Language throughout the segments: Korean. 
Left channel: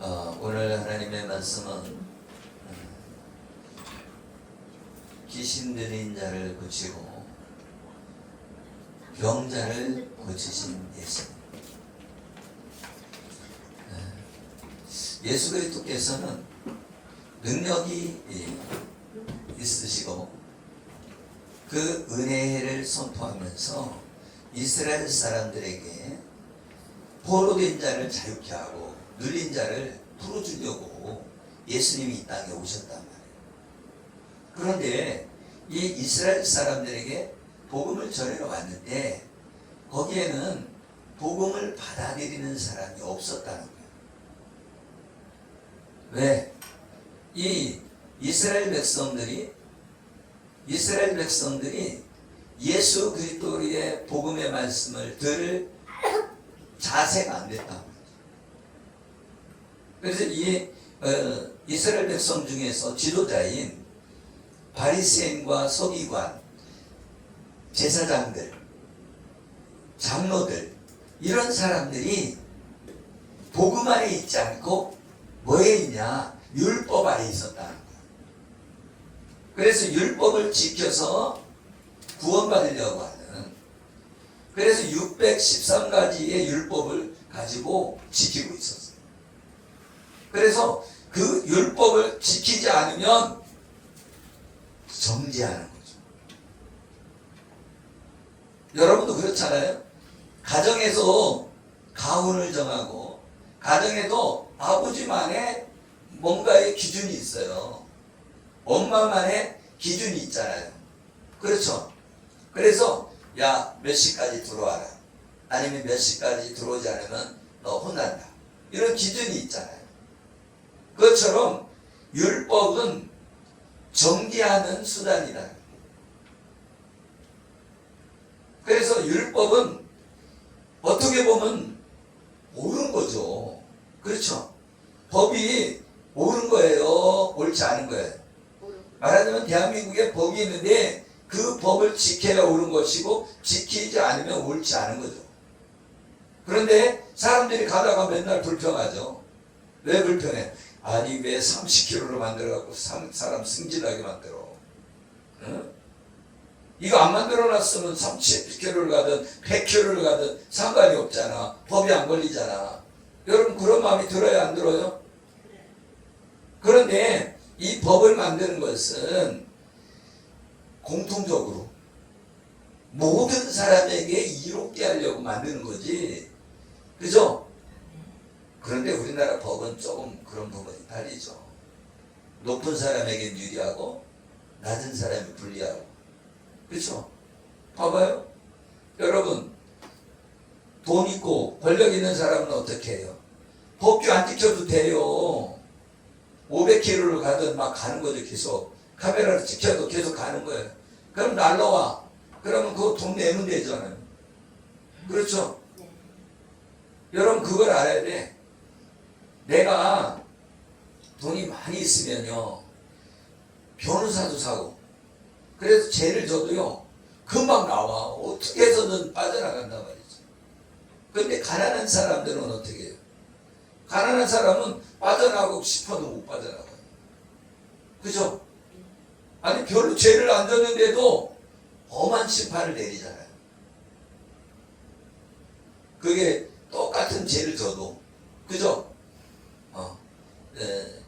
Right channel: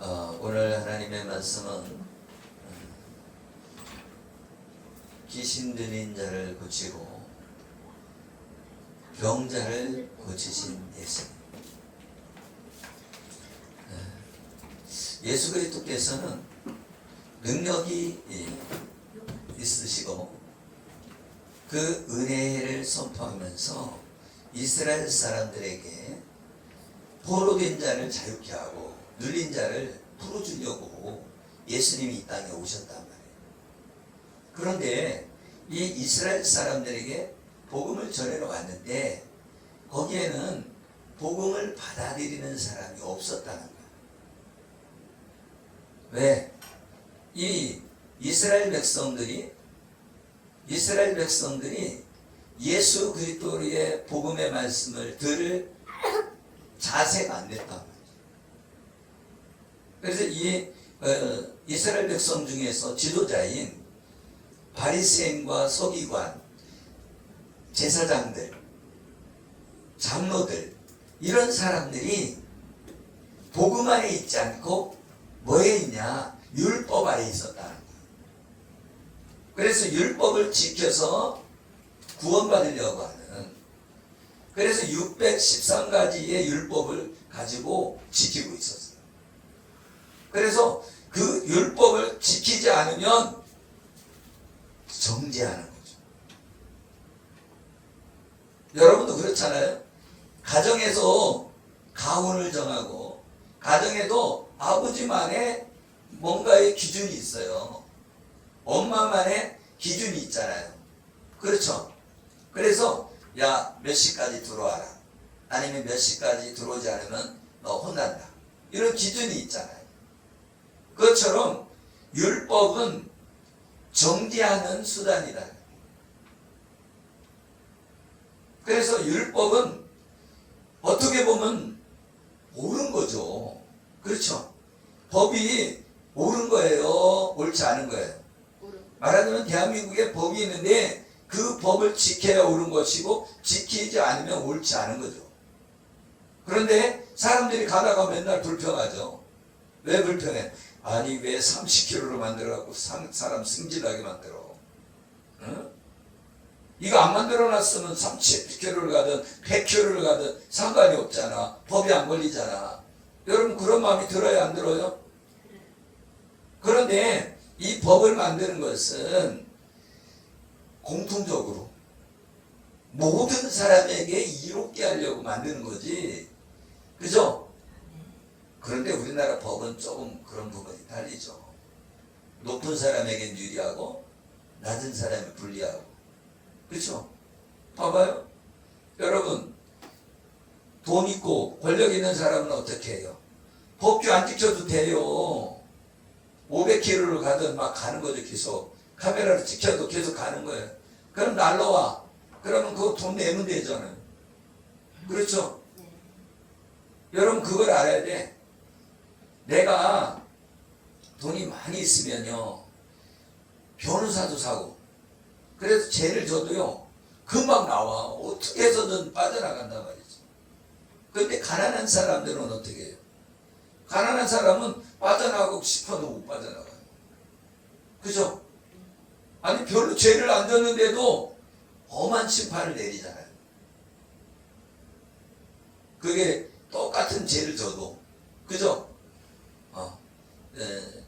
오늘 하나님의 말씀은 귀신 들린 자를 고치고 병자를 고치신 예수. 예수 그리스도께서는 능력이 있으시고 그 은혜를 선포하면서 이스라엘 사람들에게 포로된 자를 자유케 하고 눌린 자를 풀어주려고 예수님이 이 땅에 오셨단 말이에요. 그런데 이 이스라엘 사람들에게 복음을 전하러 왔는데 거기에는 복음을 받아들이는 사람이 없었다는 거예요. 왜? 이 이스라엘 백성들이 예수 그리스도의 복음의 말씀을 들을 자세가 안 됐단 말이에요. 그래서 이 이스라엘 백성 중에서 지도자인 바리새인과 서기관, 제사장들, 장로들 이런 사람들이 복음 안에 있지 않고 뭐에 있냐? 율법 안에 있었다는 거예요. 그래서 율법을 지켜서 구원받으려고 하는, 그래서 613가지의 율법을 가지고 지키고 있었어요. 그래서 그 율법을 지키지 않으면 정죄하는 거죠. 여러분도 그렇잖아요. 가정에서 가훈을 정하고 가정에도 아버지만의 뭔가의 기준이 있어요. 엄마만의 기준이 있잖아요. 그렇죠? 그래서 야, 몇 시까지 들어와라. 아니면 몇 시까지 들어오지 않으면 너 혼난다. 이런 기준이 있잖아요. 그것처럼 율법은 정죄하는 수단이다. 그래서 율법은 어떻게 보면 옳은 거죠. 그렇죠? 법이 옳은 거예요? 옳지 않은 거예요? 말하자면 대한민국에 법이 있는데 그 법을 지켜야 옳은 것이고 지키지 않으면 옳지 않은 거죠. 그런데 사람들이 가다가 맨날 불평하죠. 왜 불평해? 아니 왜 30kg로 만들어갖고 사람 승진하게 만들어? 응? 이거 안 만들어놨으면 30kg를 가든 100kg를 가든 상관이 없잖아. 법이 안 걸리잖아. 여러분 그런 마음이 들어요, 안 들어요? 그런데 이 법을 만드는 것은 공통적으로 모든 사람에게 이롭게 하려고 만드는 거지. 그죠? 그런데 우리나라 법은 조금 그런 부분이 달리죠. 높은 사람에게 유리하고 낮은 사람이 불리하고. 그렇죠? 봐봐요. 여러분 돈 있고 권력 있는 사람은 어떻게 해요? 법규 안 지켜도 돼요. 500km를 가든 막 가는 거죠. 계속 카메라를 지켜도 계속 가는 거예요. 그럼 날라와. 그러면 그거 돈 내면 되잖아요. 그렇죠? 여러분 그걸 알아야 돼. 내가 돈이 많이 있으면요 변호사도 사고 그래서 죄를 져도요 금방 나와. 어떻게 해서든 빠져나간단 말이죠. 그런데 가난한 사람들은 어떻게 해요? 가난한 사람은 빠져나가고 싶어도 못 빠져나가요. 그죠? 아니 별로 죄를 안 졌는데도 엄한 심판을 내리잖아요. 그게 똑같은 죄를 져도. 그죠?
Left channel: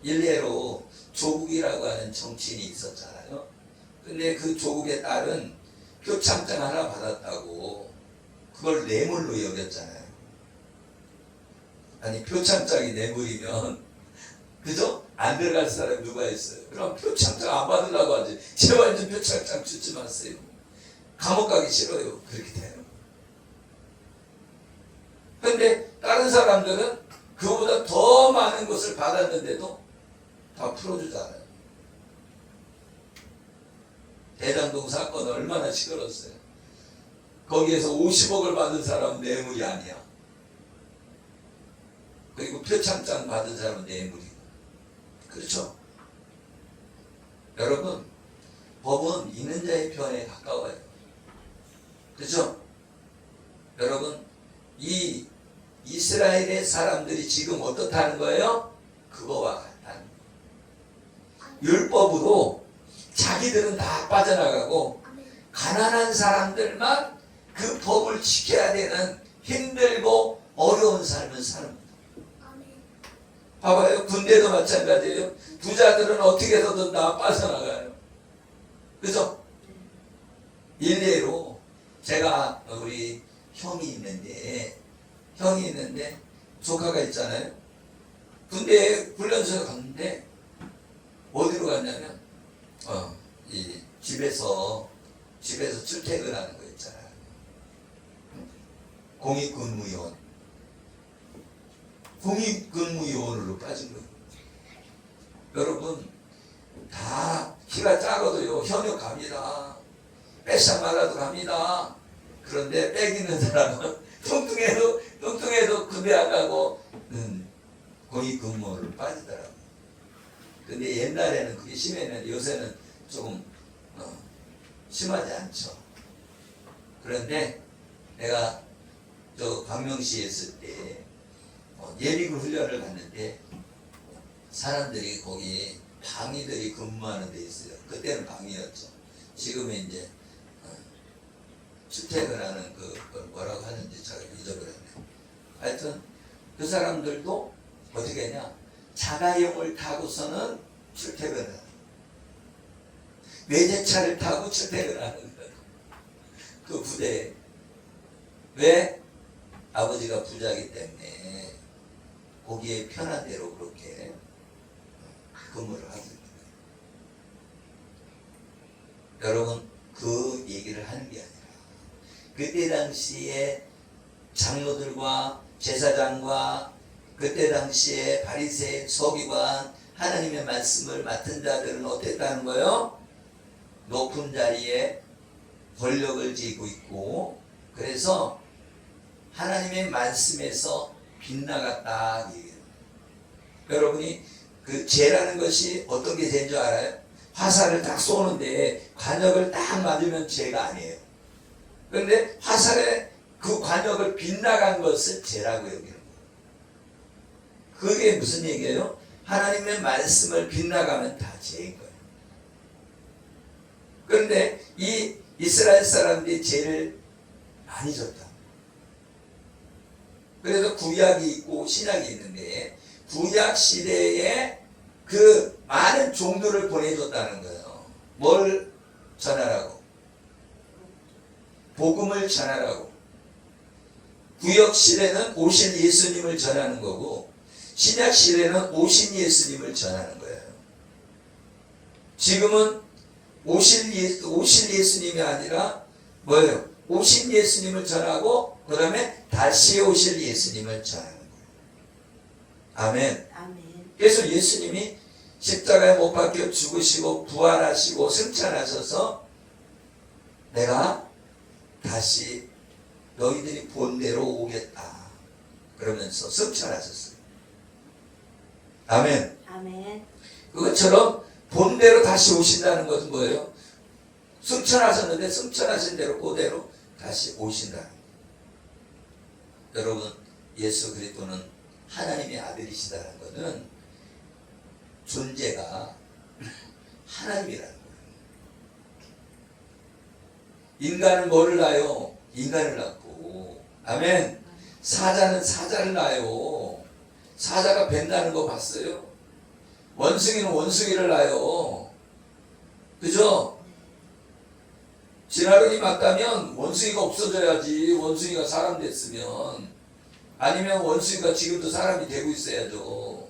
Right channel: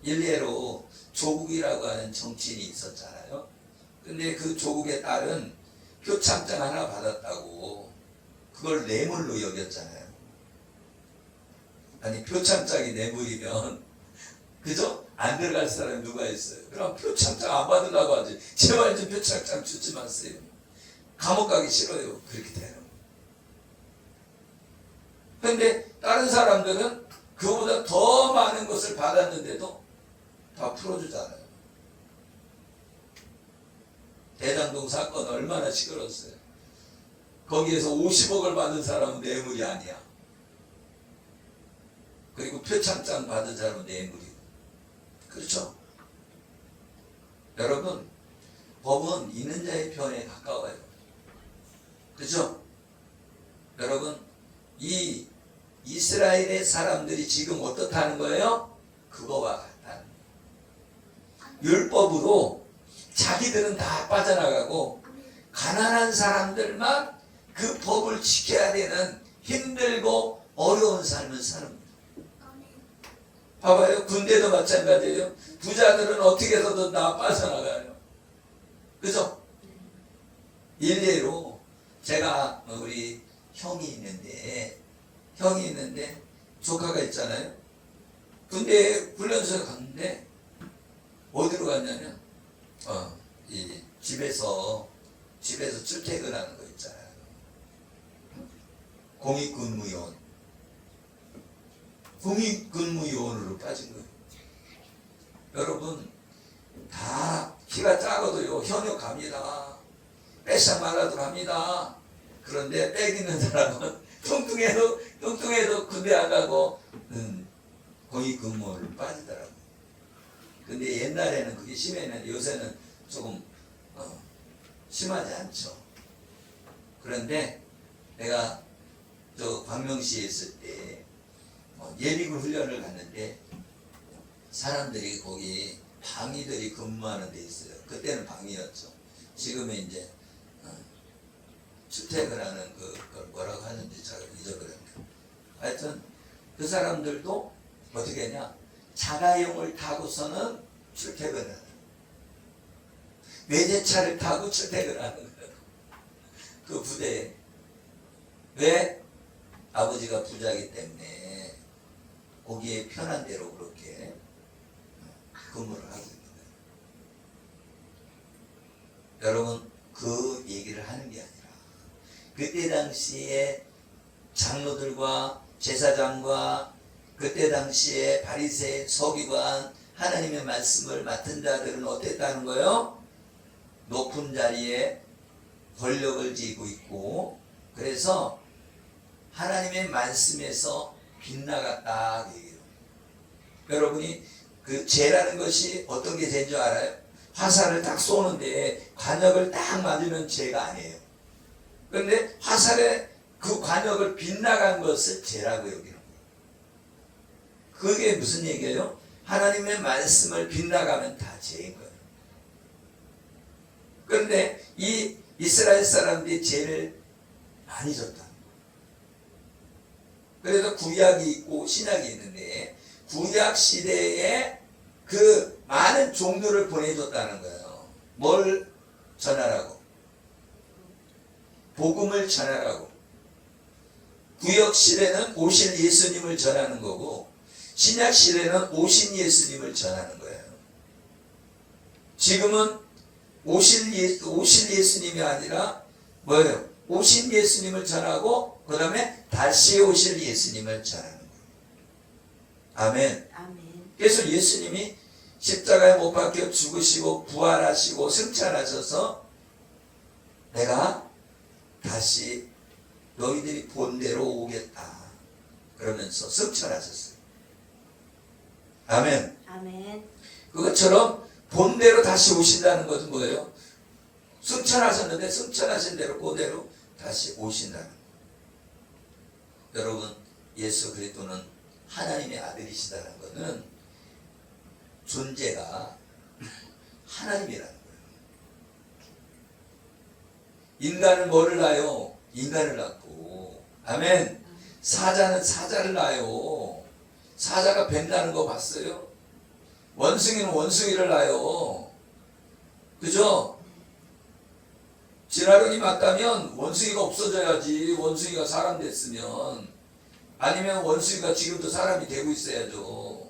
일례로 조국이라고 하는 정치인이 있었잖아요. 근데 그 조국의 딸은 표창장 하나 받았다고 그걸 뇌물로 여겼잖아요. 아니 표창장이 뇌물이면 그죠? 안 들어갈 사람이 누가 있어요? 그럼 표창장 안 받으려고 하지. 제발 좀 표창장 주지 마세요. 감옥 가기 싫어요. 그렇게 돼요. 근데 다른 사람들은 그보다 더 많은 것을 받았는데도 다 풀어주잖아요. 대장동 사건 얼마나 시끄러웠어요. 거기에서 50억을 받은 사람은 뇌물이 아니야. 그리고 표창장 받은 사람은 뇌물이고. 그렇죠? 여러분 법은 있는 자의 편에 가까워요. 그렇죠? 여러분 이 이스라엘의 사람들이 지금 어떻다는 거예요? 그거와 같다는 거예요. 율법으로 자기들은 다 빠져나가고 가난한 사람들만 그 법을 지켜야 되는 힘들고 어려운 삶을 사는 거예요. 봐봐요. 군대도 마찬가지예요. 부자들은 어떻게 해서든 다 빠져나가요. 그죠? 일례로 제가 우리 형이 있는데 조카가 있잖아요. 군대 훈련소에 갔는데 어디로 갔냐면 이 집에서 출퇴근하는 거 있잖아요. 공익근무요원으로 빠진 거예요. 여러분 다 키가 작아도요 현역 갑니다. 빼싹 말라도 갑니다. 그런데 빼기는 사람은 뚱뚱해도 군대 안 가고 공익근무를 빠지더라고요. 근데 옛날에는 그게 심했는데 요새는 조금 심하지 않죠. 그런데 내가 저 광명시에 있을 때 예비군 훈련을 갔는데 사람들이 거기 방위들이 근무하는 데 있어요. 그때는 방위였죠. 지금은 이제 출퇴근하는 그걸 뭐라고 하는지 잘 잊어버렸네. 하여튼 그 사람들도 어떻게 하냐, 자가용을 타고서는 출퇴근을 해요. 외제차를 타고 출퇴근하는 거예요. 그 부대에. 왜? 아버지가 부자이기 때문에 거기에 편한 대로 그렇게 근무를 하고 있는 거예요. 여러분 그 얘기를 하는 게 아니라 그때 당시에 장로들과 제사장과 그때 당시에 바리새, 서기관, 하나님의 말씀을 맡은 자들은 어땠다는 거예요? 높은 자리에 권력을 쥐고 있고 그래서 하나님의 말씀에서 빗나갔다 얘기해요. 여러분이 그 죄라는 것이 어떤 게 죄인 줄 알아요? 화살을 딱 쏘는데 관역을 딱 맞으면 죄가 아니에요. 그런데 화살에 그 관역을 빗나간 것을 죄라고 여기는 거예요. 그게 무슨 얘기예요? 하나님의 말씀을 빗나가면 다 죄인 거예요. 그런데 이 이스라엘 사람들이 죄를 많이 졌다. 그래서 구약이 있고 신약이 있는데 구약 시대에 그 많은 종들을 보내줬다는 거예요. 뭘 전하라고? 복음을 전하라고. 구약 시대는 오실 예수님을 전하는 거고 신약 시대는 오신 예수님을 전하는 거예요. 지금은 오실 예수님이 아니라 뭐예요? 오신 예수님을 전하고 그 다음에 다시 오실 예수님을 전하는 거예요. 아멘. 아멘. 그래서 예수님이 십자가에 못 박혀 죽으시고 부활하시고 승천하셔서 내가 다시 너희들이 본대로 오겠다 그러면서 승천하셨어요. 아멘. 아멘. 그것처럼 본대로 다시 오신다는 것은 뭐예요? 승천하셨는데 승천하신 대로 그대로 다시 오신다는 거예요. 여러분 예수 그리스도는 하나님의 아들이시다는 것은 존재가 하나님이라는 거예요. 인간은 뭐를 낳아요? 인간을 낳고 아멘. 사자는 사자를 낳아요. 사자가 뱀나는 거 봤어요? 원숭이는 원숭이를 낳아요. 그죠? 진화론이 맞다면 원숭이가 없어져야지. 원숭이가 사람 됐으면. 아니면 원숭이가 지금도 사람이 되고 있어야죠.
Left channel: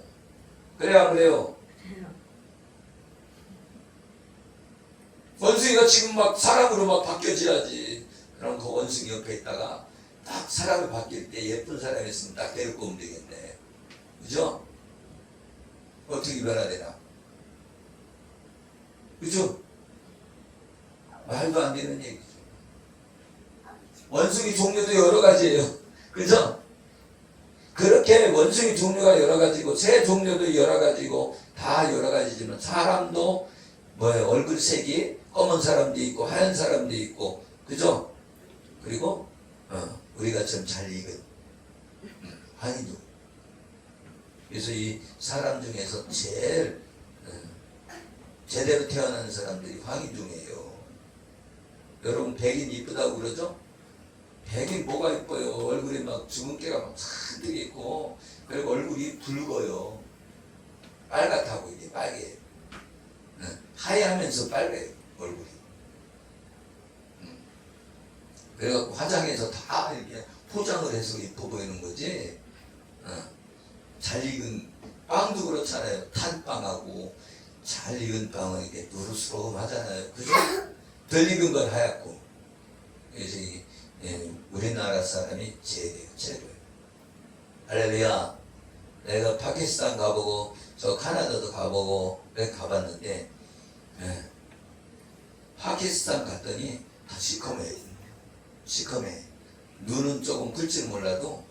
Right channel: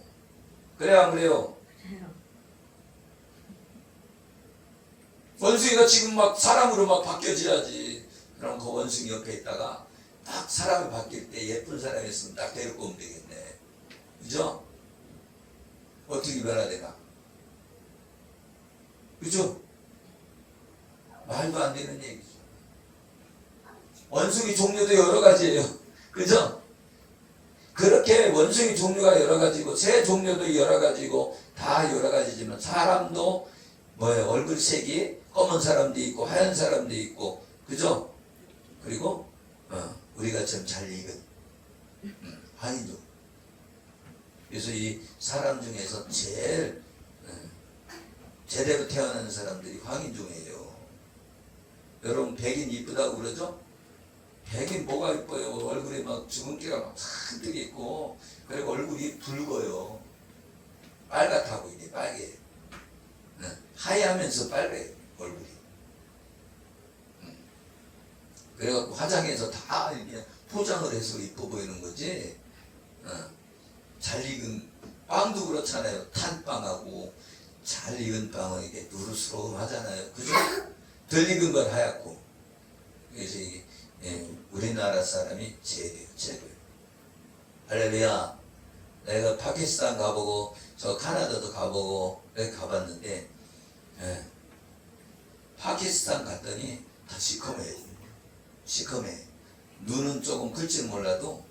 그래야 안 그래요? 원숭이가 지금 막 사람으로 막 바뀌어져야지. 그럼 그 원숭이 옆에 있다가 딱 사람이 바뀔 때 예쁜 사람이 있으면 딱 데리고 오면 되겠네. 그죠? 어떻게 변화야 되나? 그죠? 말도 안 되는 얘기죠. 원숭이 종류도 여러 가지예요. 그죠? 그렇게 원숭이 종류가 여러 가지고 새 종류도 여러 가지고 다 여러 가지지만 사람도 뭐예요? 얼굴색이 검은 사람도 있고 하얀 사람도 있고 그죠? 그리고 우리가 좀 잘 익은 환희도 그래서 이 사람 중에서 제일 제대로 태어난 사람들이 황인종이에요. 여러분 백인 이쁘다고 그러죠? 백인 뭐가 이뻐요? 얼굴에 막 주근깨가 막 잔뜩 있고, 그리고 얼굴이 붉어요. 빨갛다고 이게 빨개. 하얘하면서 빨개요 얼굴이. 그래갖고 화장해서 다 이렇게 포장을 해서 이뻐 보이는 거지. 잘 익은 빵도 그렇잖아요. 탄빵하고 잘 익은 빵은 이렇게 누르스름하잖아요. 그죠? 덜 익은 건 하얗고. 그래서 우리나라 사람이 최고예요. 할렐루야. 내가 파키스탄 가보고 저 카나다도 가보고 이렇게 가봤는데, 파키스탄 갔더니 다 시커매요. 시커매. 눈은 조금 클지 몰라도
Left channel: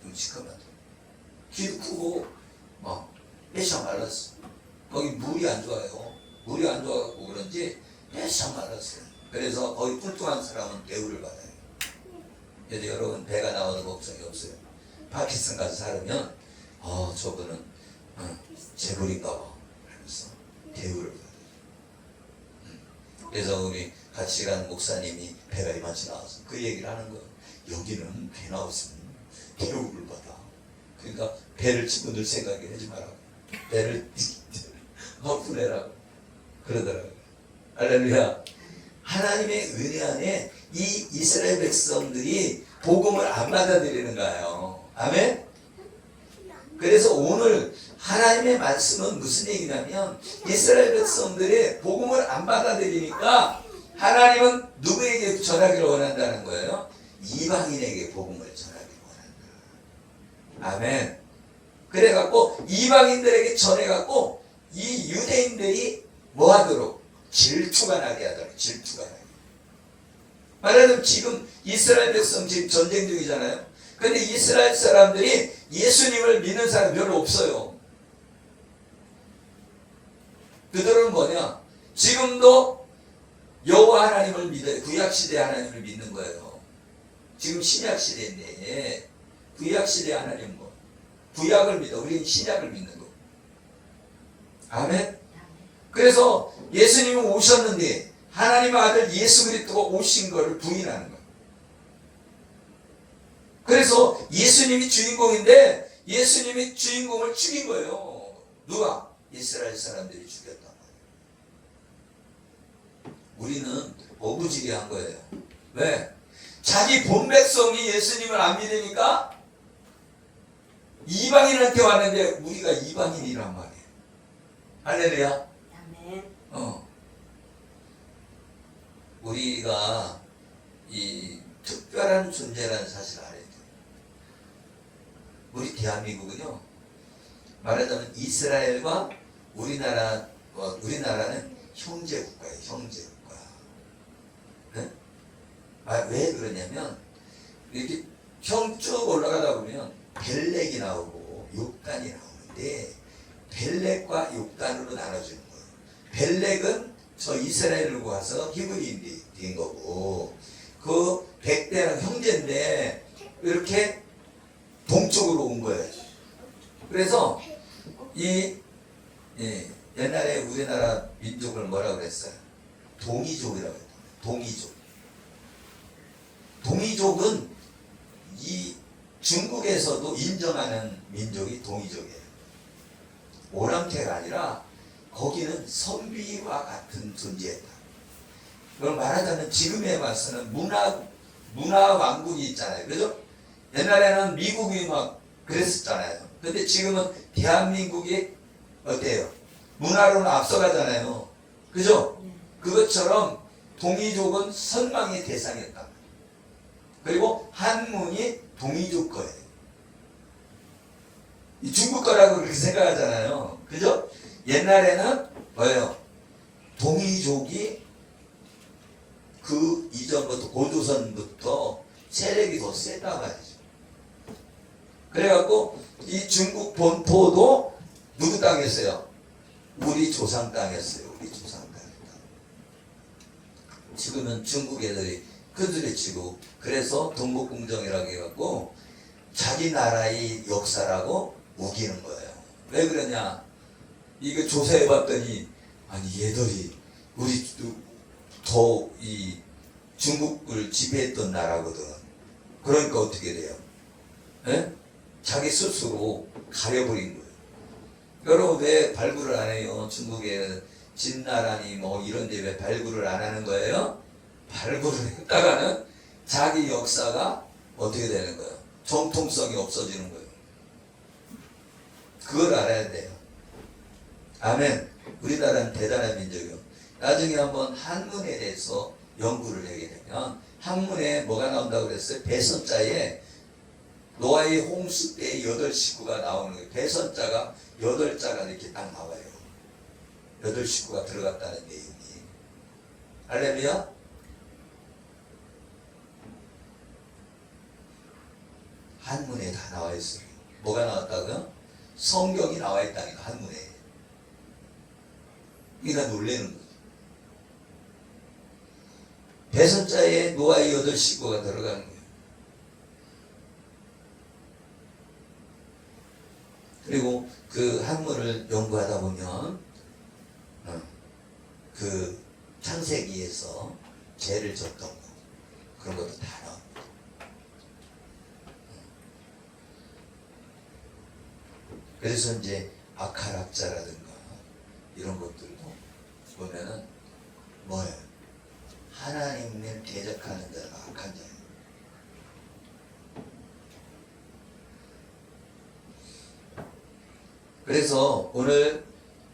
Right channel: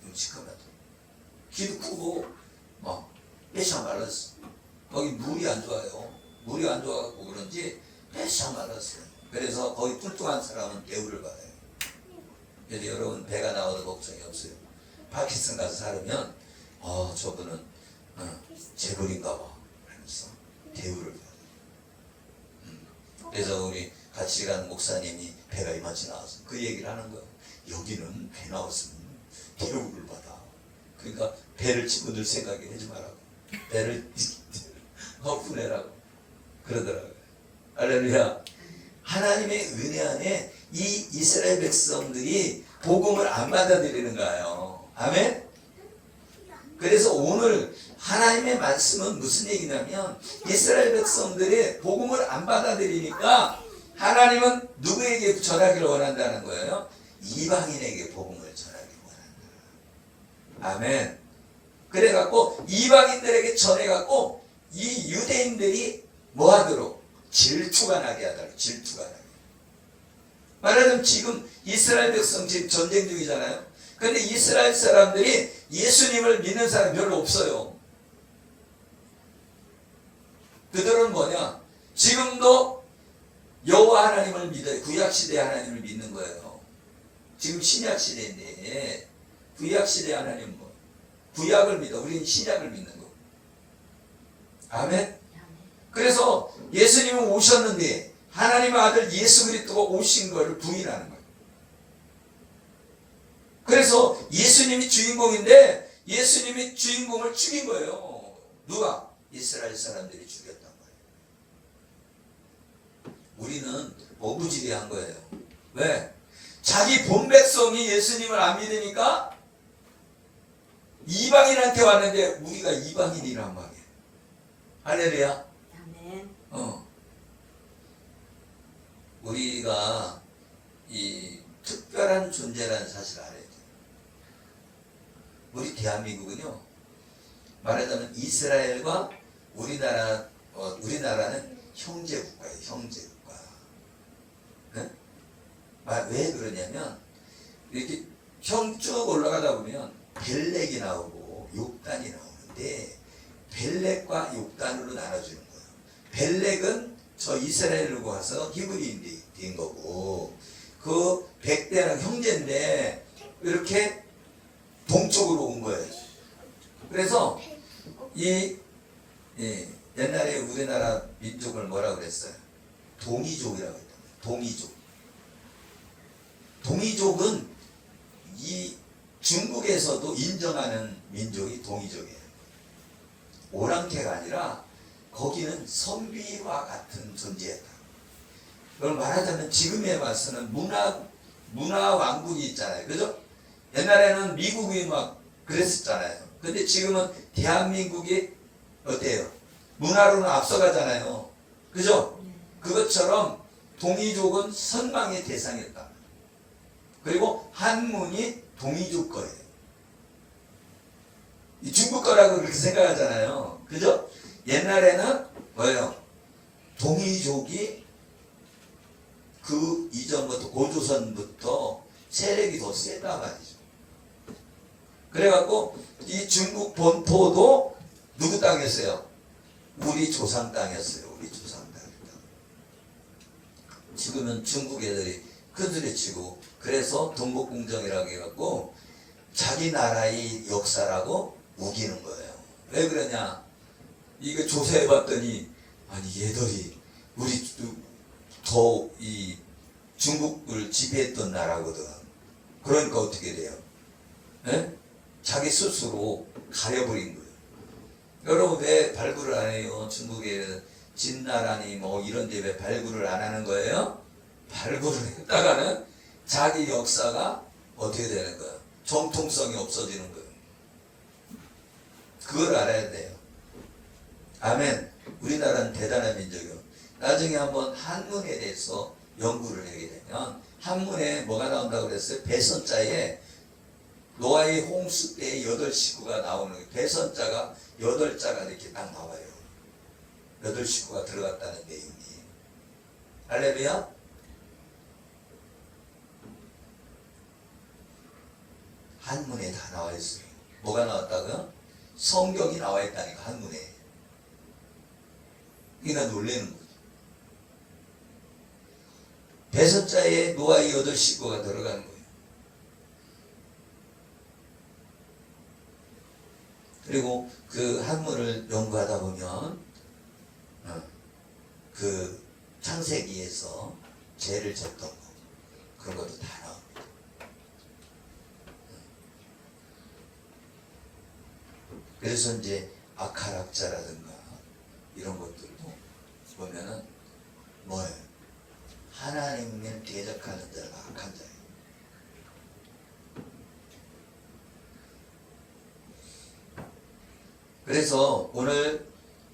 좀 시커매요. 귀도 크고 막 빼샤 말랐어. 거기 물이 안 좋아요. 물이 안 좋아갖고 그런지 빼샤 말랐어요. 그래서 거기 뚱뚱한 사람은 대우를 받아요. 그래서 여러분 배가 나와도 걱정이 없어요. 파키스탄 가서 살면 저분은 재벌인가 봐 그러면서 대우를 받아요. 그래서 우리 같이 가는 목사님이 배가 이만치 나와서 그 얘기를 하는 거예요. 여기는 배 나왔으면 대우를 받아. 그러니까 배를 집어들 생각이 하지 말라고. 배를 헛분해라고 그러더라고요. 할렐루야. 하나님의 은혜 안에 이 이스라엘 백성들이 복음을 안 받아들이는 거예요. 아멘? 그래서 오늘 하나님의 말씀은 무슨 얘기냐면, 이스라엘 백성들이 복음을 안 받아들이니까 하나님은 누구에게 전하기를 원한다는 거예요? 이방인에게 복음을 전하기를 원한다. 아멘. 그래갖고 이방인들에게 전해갖고 이 유대인들이 뭐 하도록? 질투가 나게 하더라. 질투가 나게. 말하자면 지금 이스라엘 백성 지금 전쟁 중이잖아요. 근데 이스라엘 사람들이 예수님을 믿는 사람 별로 없어요. 그들은 뭐냐? 지금도 여호와 하나님을 믿어요. 구약시대 하나님을 믿는 거예요. 지금 신약시대인데 구약시대 하나님 뭐 구약을 믿어. 우리는 신약을 믿는 거. 아멘? 그래서 예수님은 오셨는데 하나님의 아들 예수 그리스도가 오신 것을 부인하는 거예요. 그래서 예수님이 주인공인데 예수님이 주인공을 죽인 거예요. 누가? 이스라엘 사람들이 죽였단 말이에요. 우리는 어부지리한 거예요. 왜? 자기 본 백성이 예수님을 안 믿으니까 이방인한테 왔는데 우리가 이방인이란 말이에요. 할렐루야. 아멘. 우리가 이 특별한 존재라는 사실을 알아야 돼요. 우리 대한민국은요, 말하자면 이스라엘과 우리나라는 형제국가예요. 형제국가. 네? 왜 그러냐면 이렇게 형 쭉 올라가다 보면 벨렉이 나오고 욕단이 나오는데 벨렉과 욕단으로 나눠주는 거예요. 벨렉은 저 이스라엘로 와서 히브리인인 거고, 그 백대랑 형제인데 이렇게 동쪽으로 온 거예요. 그래서 옛날에 우리나라 민족을 뭐라고 그랬어요? 동이족이라고 했다. 동이족. 동이족은 이 중국에서도 인정하는 민족이 동이족이에요. 오랑캐가 아니라 거기는 선비와 같은 존재였다. 그걸 말하자면 지금에 와서는 문화 왕국이 있잖아요. 그죠? 옛날에는 미국이 막 그랬었잖아요. 근데 지금은 대한민국이 어때요? 문화로는 앞서가잖아요. 그죠? 그것처럼 동이족은 선망의 대상이었다. 그리고 한문이 동이족 거예요. 이 중국 거라고 그렇게 생각하잖아요. 그죠? 옛날에는 뭐예요? 동이족이 그 이전부터 고조선부터 세력이 더 세단 말이죠. 그래갖고 이 중국 본토도 누구 땅이었어요? 우리 조상 땅이었어요. 우리 조상 땅이다. 지금은 중국 애들이 큰소리 치고, 그래서 동북공정이라고 해갖고 자기 나라의 역사라고 우기는 거예요. 왜 그러냐? 이거 조사해봤더니 아니 얘들이 우리 더 이 중국을 지배했던 나라거든. 그러니까 어떻게 돼요? 에? 자기 스스로 가려버린 거예요. 여러분 왜 발굴을 안 해요? 중국에 진나라니 뭐 이런데 왜 발굴을 안 하는 거예요? 발굴을 했다가는 자기 역사가 어떻게 되는 거예요? 정통성이 없어지는 거예요. 그걸 알아야 돼요. 아멘. 우리나라는 대단한 민족이요. 나중에 한번 한문에 대해서 연구를 하게 되면 한문에 뭐가 나온다고 그랬어요? 배선자에 노아의 홍수 때 8식구가 나오는 거예요. 배선자가 8자가 이렇게 딱 나와요. 8식구가 들어갔다는 내용이. 할렐루야? 한문에 다 나와 있어요. 뭐가 나왔다고요? 성경이 나와 있다니까, 한문에. 이가 놀라는 거죠. 배선자에 노아의 8식구가 들어가는 거예요. 그리고 그 한문을 연구하다 보면 그 창세기에서 죄를 졌던 거 그런 것도 다 나옵니다. 그래서 이제 아카락자라든가 이런 것들도 보면은 뭐예요? 하나님을 대적하는 자가 악한 자예요. 그래서 오늘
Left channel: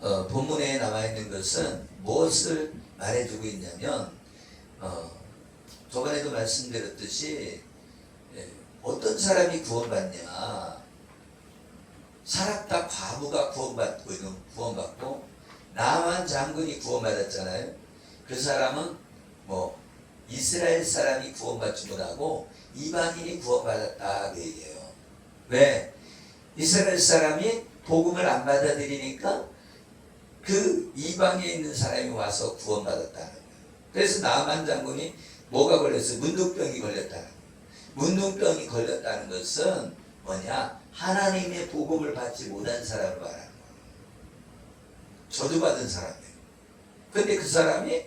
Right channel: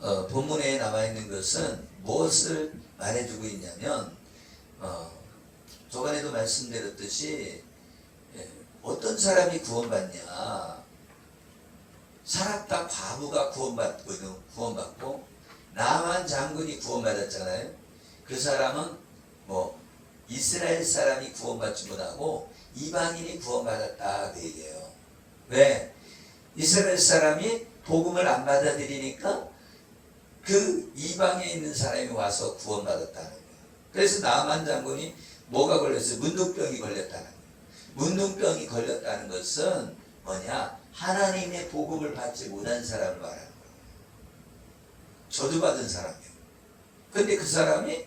본문에 남아있는 것은 무엇을 말해주고 있냐면 저번에도 말씀드렸듯이 어떤 사람이 구원받냐, 사랍다 과부가 구원받고 나만 장군이 구원받았잖아요. 그 사람은 뭐 이스라엘 사람이 구원받지 못하고 이방인이 구원받았다 그 얘기예요. 왜? 이스라엘 사람이 복음을 안 받아들이니까 그 이방에 있는 사람이 와서 구원받았다는 거예요. 그래서 나만 장군이 뭐가 걸렸어요? 문둥병이 걸렸다는 거예요. 문둥병이 걸렸다는 것은 뭐냐? 하나님의 복음을 받지 못한 사람을 말하는 거예요. 저주받은 사람이에요. 근데 그 사람이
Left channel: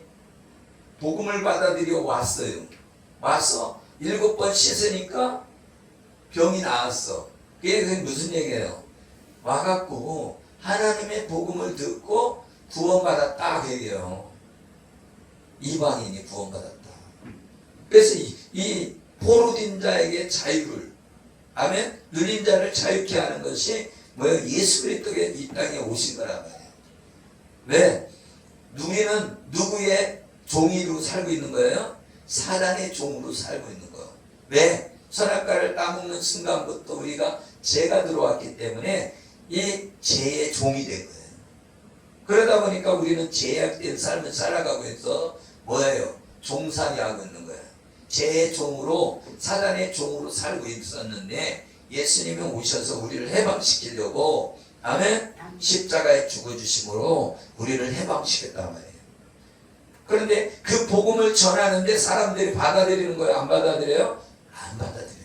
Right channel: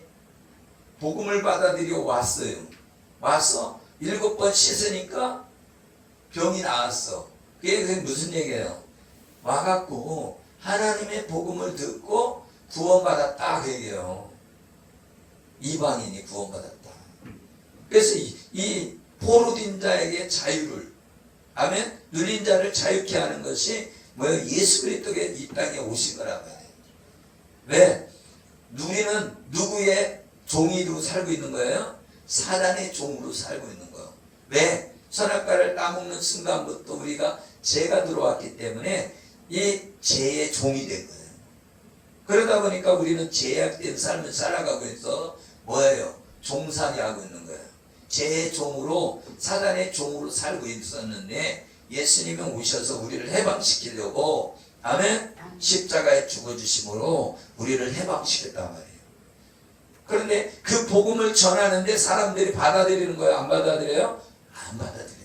복음을 받아들여 왔어요. 와서 7번 씻으니까 병이 나았어. 그게 무슨 얘기예요? 와갖고 하나님의 복음을 듣고 구원받았다 그 얘기예요. 이방인이 구원받았다. 그래서 이 포로된 자에게 자유를, 아멘, 누린 자를 자유케 하는 것이 뭐예요? 예수 그리스도가 이 땅에 오신 거란 말이에요. 왜? 우리는 누구의 종이로 살고 있는 거예요? 사단의 종으로 살고 있는 거예요. 왜? 선악과를 따먹는 순간부터 우리가 죄가 들어왔기 때문에 이 죄의 종이 된 거예요. 그러다 보니까 우리는 죄악된 삶을 살아가고 있어 뭐예요? 종살이하고 있는 거예요. 죄의 종으로, 사단의 종으로 살고 있었는데 예수님이 오셔서 우리를 해방시키려고, 아멘, 십자가에 죽어주심으로 우리를 해방시켰단 말이에요. 그런데 그 복음을 전하는데 사람들이 받아들이는 거예요? 안 받아들여요? 안 받아들인다.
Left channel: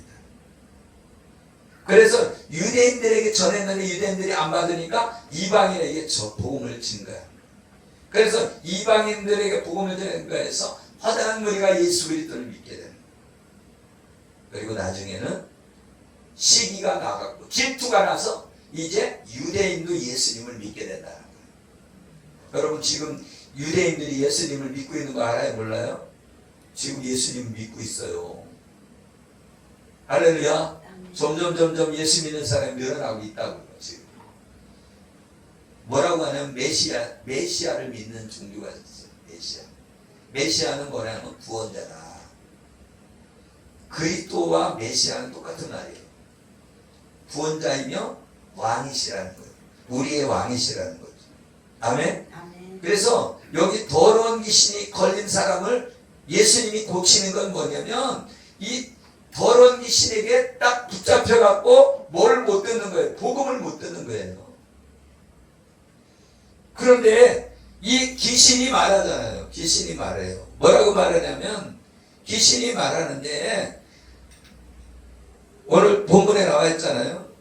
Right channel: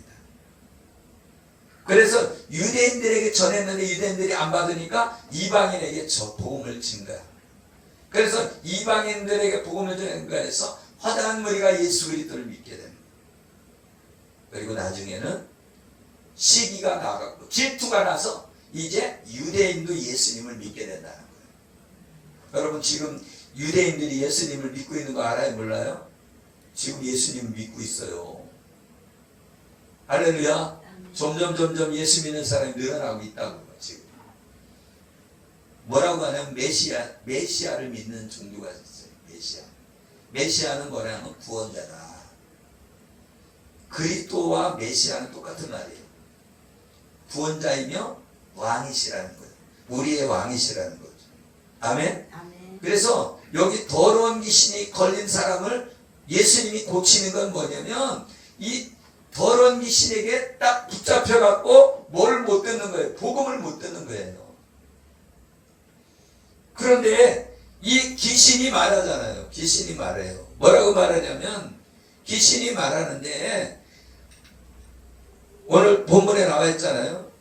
그래서 유대인들에게 전했는데 유대인들이 안 받으니까 이방인에게 저 복음을 준 거야. 그래서 이방인들에게 복음을 전한 거에서 허다한 무리가 예수 그리스도를 믿게 되는 거야. 그리고 나중에는 시기가 나갔고 질투가 나서 이제 유대인도 예수님을 믿게 된다는 거예요. 여러분 지금 유대인들이 예수님을 믿고 있는 거 알아요? 몰라요? 지금 예수님 믿고 있어요. 할렐루야. 점점 예수 믿는 사람이 늘어나고 있다고 지금. 뭐라고 하냐면 메시아를 믿는 종교가 있어요. 메시아는 뭐냐면 구원자다. 그리스도와 메시아는 똑같은 말이에요. 구원자이며 왕이시라는 거예요. 우리의 왕이시라는 거죠. 아멘? 아멘. 그래서 여기 더러운 귀신이 걸린 사람을 예수님이 고치는 건 뭐냐면 이 더러운 귀신에게 딱 붙잡혀갖고 뭘 못 듣는 거예요? 복음을 못 듣는 거예요. 그런데 이 귀신이 말하잖아요. 귀신이 말해요. 뭐라고 말하냐면 귀신이 말하는데 오늘 본문에 나와 있잖아요.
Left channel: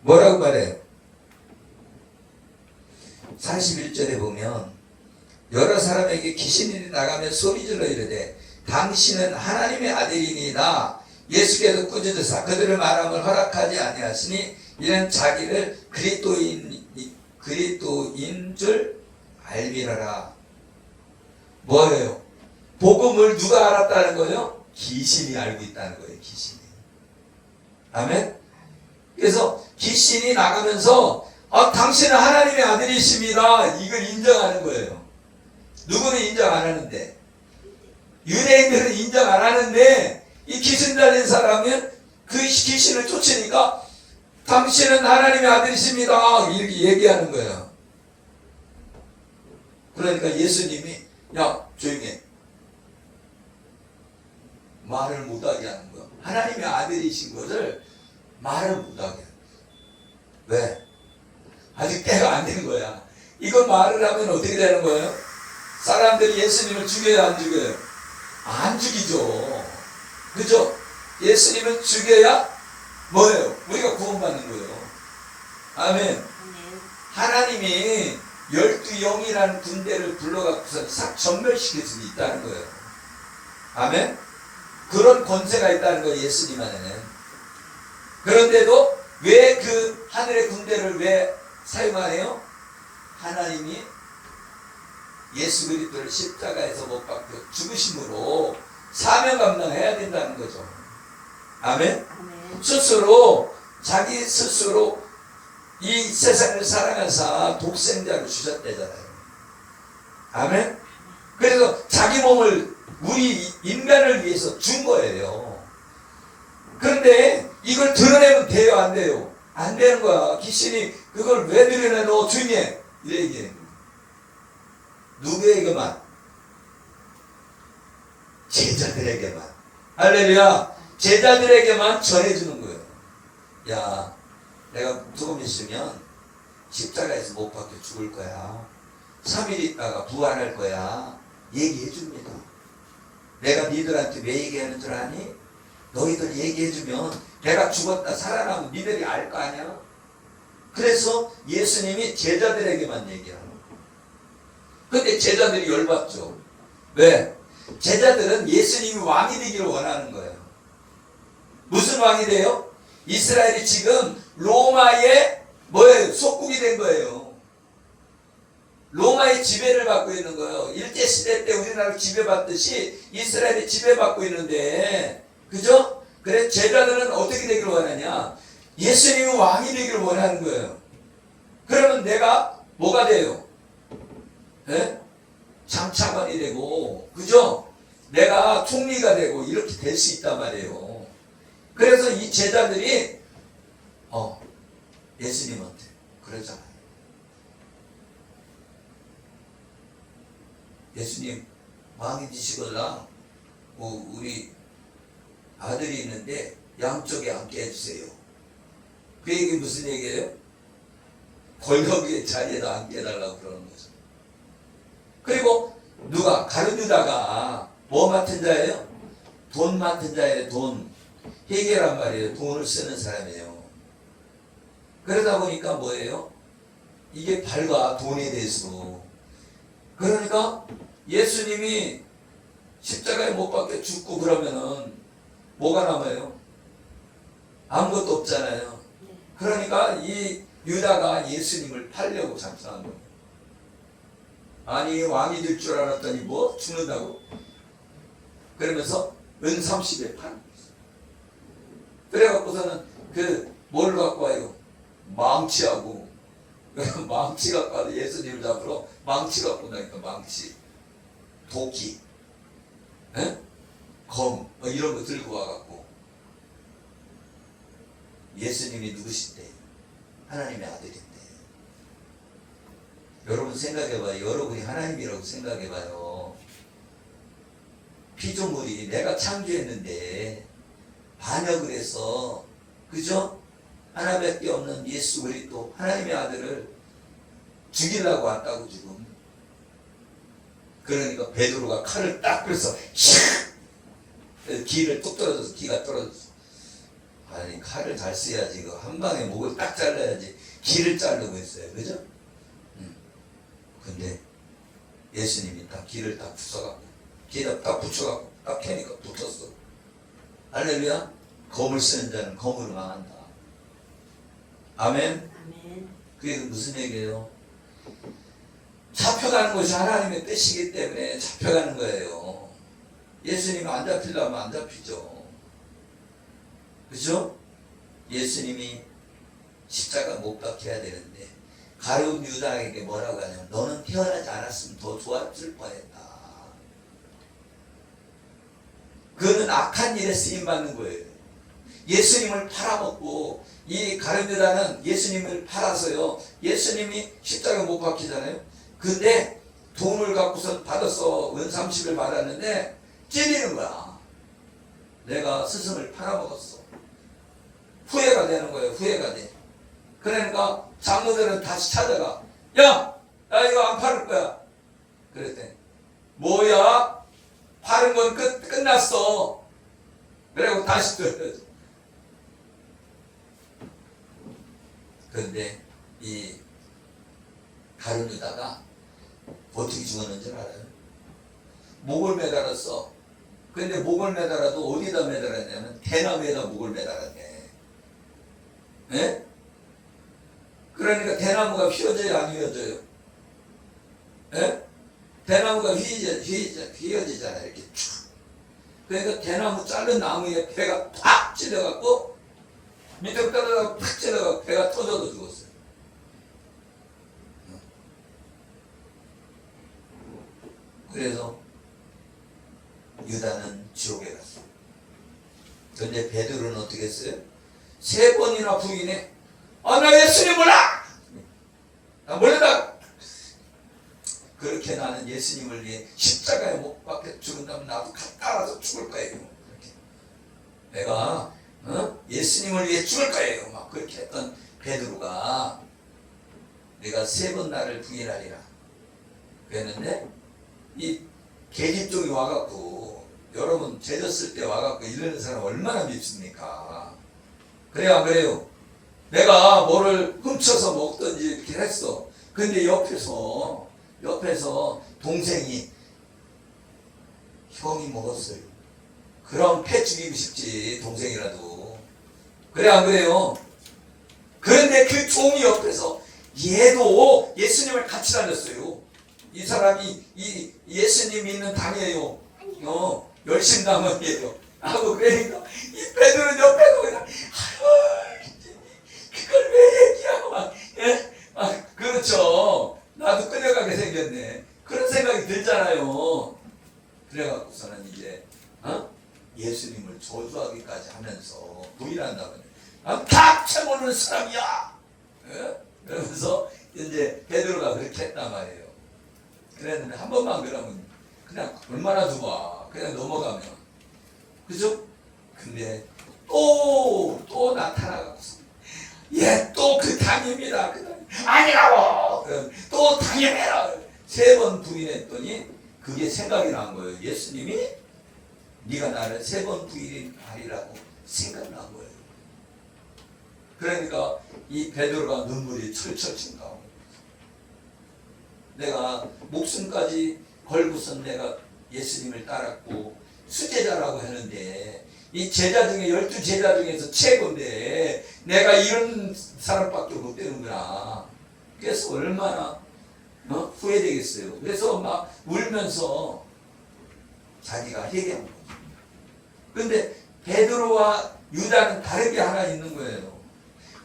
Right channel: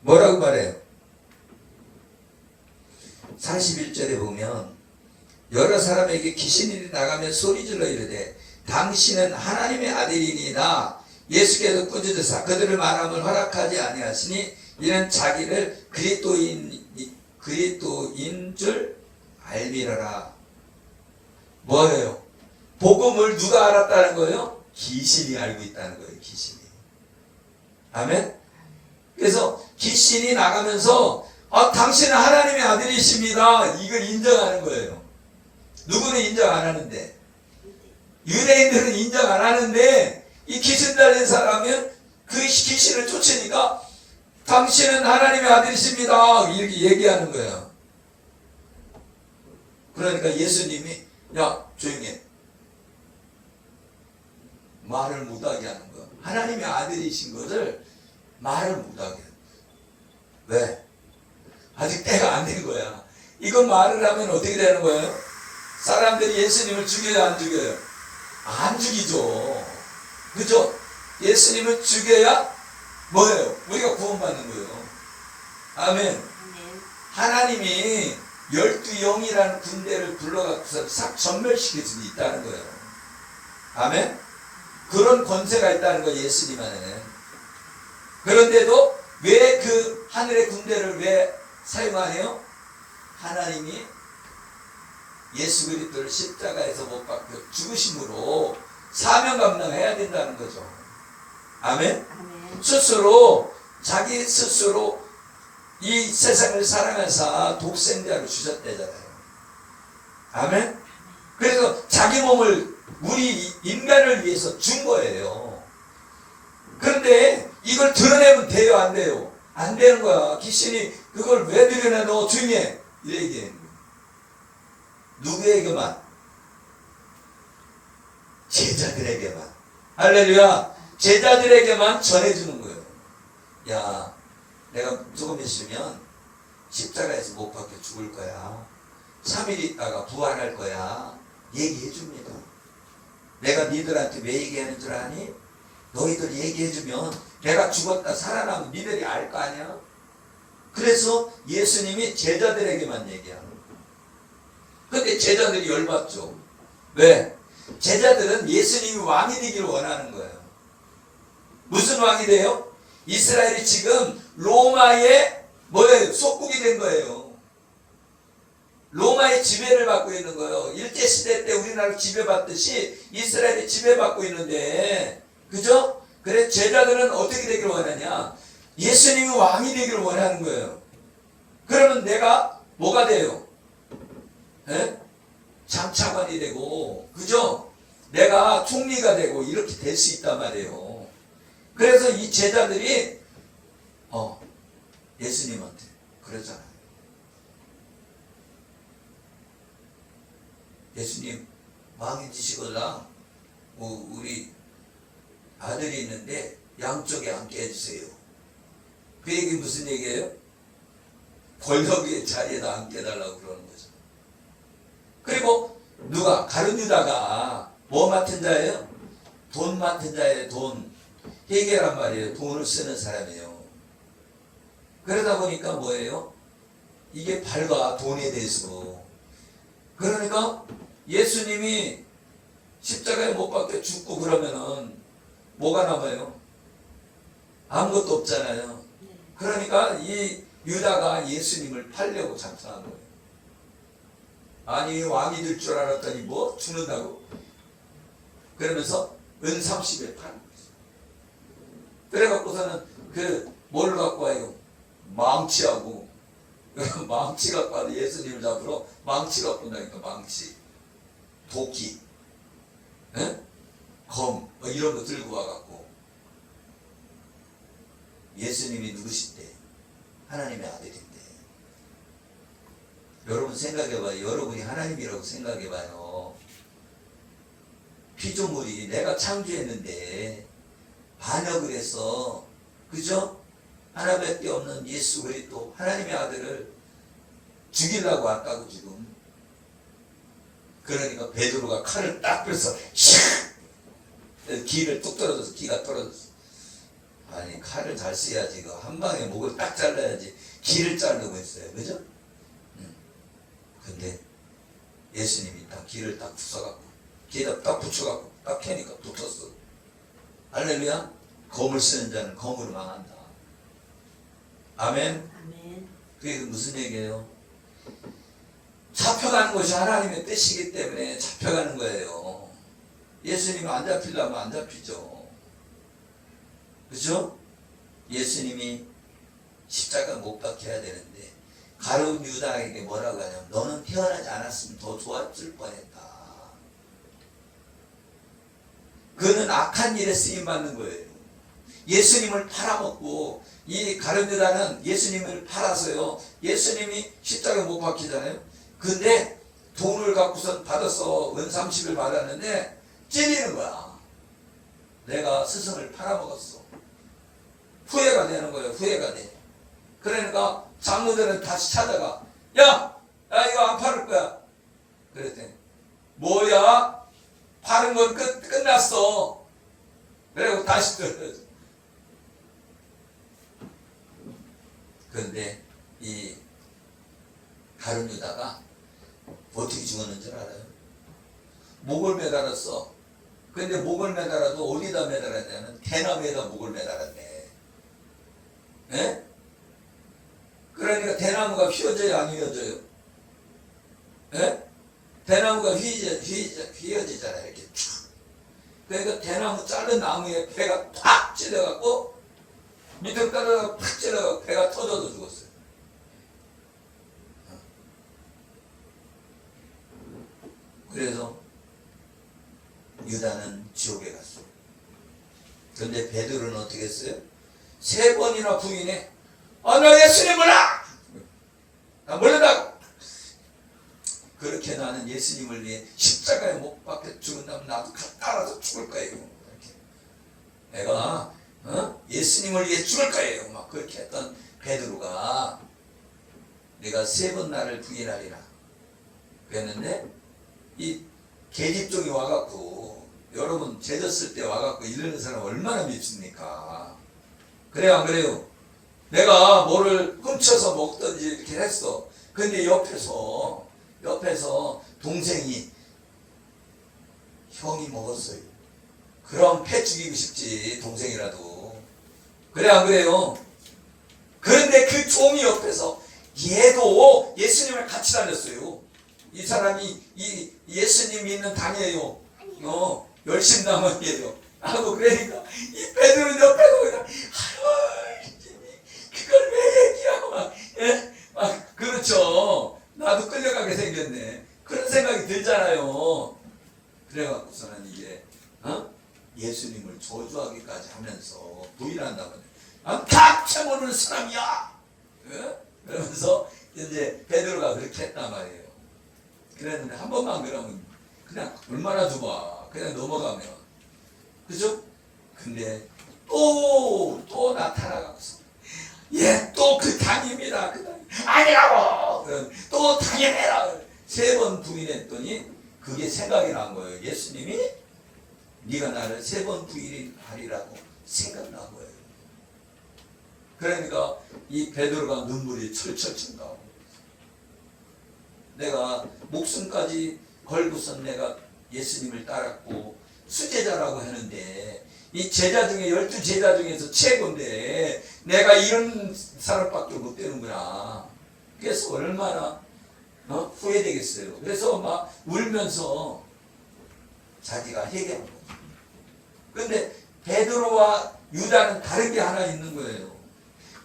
뭐라고 말해요? 41절에 보면 여러 사람에게 귀신이 나가며 소리질러 이르되 당신은 하나님의 아들이니이다. 예수께서 꾸짖으사 그들을 말함을 허락하지 아니하시니 이는 자기를 그리스도인 줄 알미러라. 뭐예요? 복음을 누가 알았다는 거예요? 귀신이 알고 있다는 거예요. 귀신이. 아멘? 그래서 귀신이 나가면서 당신은 하나님의 아들이십니다. 이걸 인정하는 거예요. 누구는 인정 안 하는데, 유대인들은 인정 안 하는데 이 귀신 달린 사람은 그 귀신을 쫓으니까 당신은 하나님의 아들이십니다. 이렇게 얘기하는 거예요. 그러니까 예수님이 야 조용히 해. 말을 못하게 하는 거야. 하나님의 아들이신 것을 말을 못하게. 왜? 아직 때가 안 된 거야. 이걸 말을 하면 어떻게 되는 거예요? 사람들이 예수님을 죽여야 안 죽여요? 안 죽이죠. 그죠? 예수님을 죽여야 뭐예요? 우리가 구원받는 거예요. 아멘. 하나님이 12영이라는 군대를 불러갖고서 싹 전멸시킬 수 있다는 거예요. 아멘. 그런 권세가 있다는 거예요. 예수님 안에. 그런데도 왜 그 하늘의 군대를 왜 사용하네요? 하나님이 예수 그리스도를 십자가에서 못 박혀 죽으심으로 사명 감당해야 된다는 거죠. 아멘. 스스로 자기 스스로 이 세상을 사랑하사 독생자를 주셨대잖아요. 아멘. 그래서 자기 몸을 우리 인간을 위해서 준 거예요. 그런데 이걸 드러내면 돼요, 안 돼요? 안 되는 거야. 귀신이 그걸 왜 드러내? 너 조용히 해. 이래 얘기해. 누구에게만? 제자들에게만. 할렐루야. 제자들에게만 전해주는 거예요. 야, 내가 조금 있으면 십자가에서 못 박혀 죽을 거야. 3일 있다가 부활할 거야. 얘기해 줍니다. 내가 니들한테 왜 얘기하는 줄 아니? 너희들 얘기해주면 내가 죽었다 살아나면 니들이 알 거 아니야? 그래서 예수님이 제자들에게만 얘기하는 거예요. 근데 제자들이 열받죠. 왜? 제자들은 예수님이 왕이 되기를 원하는 거예요. 무슨 왕이 돼요? 이스라엘이 지금 로마의 뭐예요? 속국이 된 거예요. 로마의 지배를 받고 있는 거예요. 일제시대 때 우리나라를 지배받듯이 이스라엘이 지배받고 있는데, 그죠? 그래서 제자들은 어떻게 되기를 원하냐? 예수님이 왕이 되기를 원하는 거예요. 그러면 내가 뭐가 돼요? 에? 장차관이 되고, 그죠? 내가 총리가 되고 이렇게 될 수 있단 말이에요. 그래서 이 제자들이 예수님한테 그러잖아요. 예수님 왕이 되시거나 우리 아들이 있는데 양쪽에 앉게 해주세요. 그 얘기 무슨 얘기예요? 권력의 자리에다 앉게 해달라고 그러는 거죠. 그리고 누가? 가룟 유다가 뭐 맡은 자예요? 돈 맡은 자예요. 돈. 회계란 말이에요. 돈을 쓰는 사람이에요. 그러다 보니까 뭐예요? 이게 밝아. 돈에 대해서. 그러니까 예수님이 십자가에 못 박혀 죽고 그러면은 뭐가 남아요? 아무것도 없잖아요. 그러니까 이 유다가 예수님을 팔려고 작정한 거예요. 아니 왕이 될 줄 알았더니 뭐 죽는다고? 그러면서 은 30에 파는 거예요. 그래갖고서는 뭘 갖고 와요? 망치하고 망치 갖고 와서 예수님을 잡으러 망치 갖고 온다니까. 망치, 도끼, 검 뭐 이런 거 들고 와갖고 예수님이 누구신데? 하나님의 아들인데. 여러분 생각해봐요. 여러분이 하나님이라고 생각해봐요. 피조물이 내가 창조했는데 반역을 해서, 그죠? 하나밖에 없는 예수 그리스도 하나님의 아들을 죽이려고 왔다고 지금. 그러니까 베드로가 칼을 딱 들어서 기를 뚝 떨어져서 기가 떨어졌어. 아니 칼을 잘 써야지. 한 방에 목을 딱 잘라야지. 기를 자르고 했어요. 그죠? 예수님이 딱 길을 딱 부숴갖고 길에다 딱 붙여갖고 딱 펴니까 붙었어. 할렐루야. 검을 쓰는 자는 검으로 망한다. 아멘. 아멘. 그게 무슨 얘기예요? 잡혀가는 것이 하나님의 뜻이기 때문에 잡혀가는 거예요. 예수님이 안 잡히려면 안 잡히죠. 그죠? 예수님이 십자가 못 박혀야 되는데 가룟 유다에게 뭐라고 하냐면 너는 태어나지 않았으면 더 좋았을 뻔했다. 그는 악한 일에 쓰임받는 거예요. 예수님을 팔아먹고 이 가룟 유다는 예수님을 팔아서요. 예수님이 십자가 못 박히잖아요. 근데 돈을 갖고서 받았어. 은 30을 받았는데 찔리는 거야. 내가 스승을 팔아먹었어. 후회가 되는 거예요. 후회가 돼. 그러니까 장로들은 다시 찾아가. 야! 나 이거 안 팔을 거야. 그랬더니 뭐야? 파는 건 끝났어. 그리고 다시 들어야지. 그런데 이 가룟 유다가 어떻게 죽었는지 알아요? 목을 매달았어. 근데 목을 매달아도 어디다 매달았냐면 대나무에다 목을 매달았네. 예? 그러니까 대나무가 휘어져야 안 휘어져요? 예? 대나무가 휘어지잖아요. 이렇게 쭉. 그러니까 대나무 자른 나무에 배가 팍 찔려갖고 밑으로 떨어져서 팍 찔러갖고 배가 터져도 죽었어요. 그래서 유다는 지옥에 갔어요. 그런데 베드로는 어떻게 했어요? 3번이나 부인해. 아, 나 예수님 몰라! 나 몰라! 그렇게 나는 예수님을 위해 십자가에 못 박혀 죽은다면 나도 따라서 죽을 거예요. 이렇게. 내가 예수님을 위해 죽을 거예요. 막 그렇게 했던 베드로가 내가 3번 나를 부인하리라 그랬는데 이 계집종이 와갖고 여러분 죄졌을 때 와갖고 이러는 사람 얼마나 밉습니까? 그래요 안 그래요? 내가 뭐를 훔쳐서 먹든지 이렇게 했어. 근데 옆에서 동생이 형이 먹었어요. 그럼 패 죽이고 싶지 동생이라도. 그래 안 그래요? 그런데 그 종이 옆에서 얘도 예수님을 같이 다녔어요. 이 사람이 이 예수님 있는 당이에요. 열심당원이에요. 하고 그러니까 이 베드로는 옆에서 그냥 그걸 왜 얘기하고 막, 예? 막 그렇죠. 나도 끌려가게 생겼네. 그런 생각이 들잖아요. 그래갖고서는 이제 예수님을 저주하기까지 하면서 부인한다고. 닥쳐 모르는 사람이야. 예? 그러면서 이제 베드로가 그렇게 했단 말이에요. 그랬는데 한 번만 그러면 그냥 얼마나 좁아. 그냥 넘어가면. 그죠? 근데 또 나타나가서 얘 또 그 당입니다. 그 당임. 아니라고. 또 당임해라. 3번 부인했더니 그게 생각이 난 거예요. 예수님이 네가 나를 3번 부인하리라고 생각난 거예요. 그러니까 이 베드로가 눈물이 철철 친다. 내가 목숨까지 걸고선 내가 예수님을 따랐고 수제자라고 하는데 이 제자 중에 12제자 중에서 최고인데 내가 이런 사람밖에 못 되는구나. 그래서 얼마나 후회되겠어요. 그래서 막 울면서 자기가 회개한 거죠. 그런데 베드로와 유다는 다른 게 하나 있는 거예요.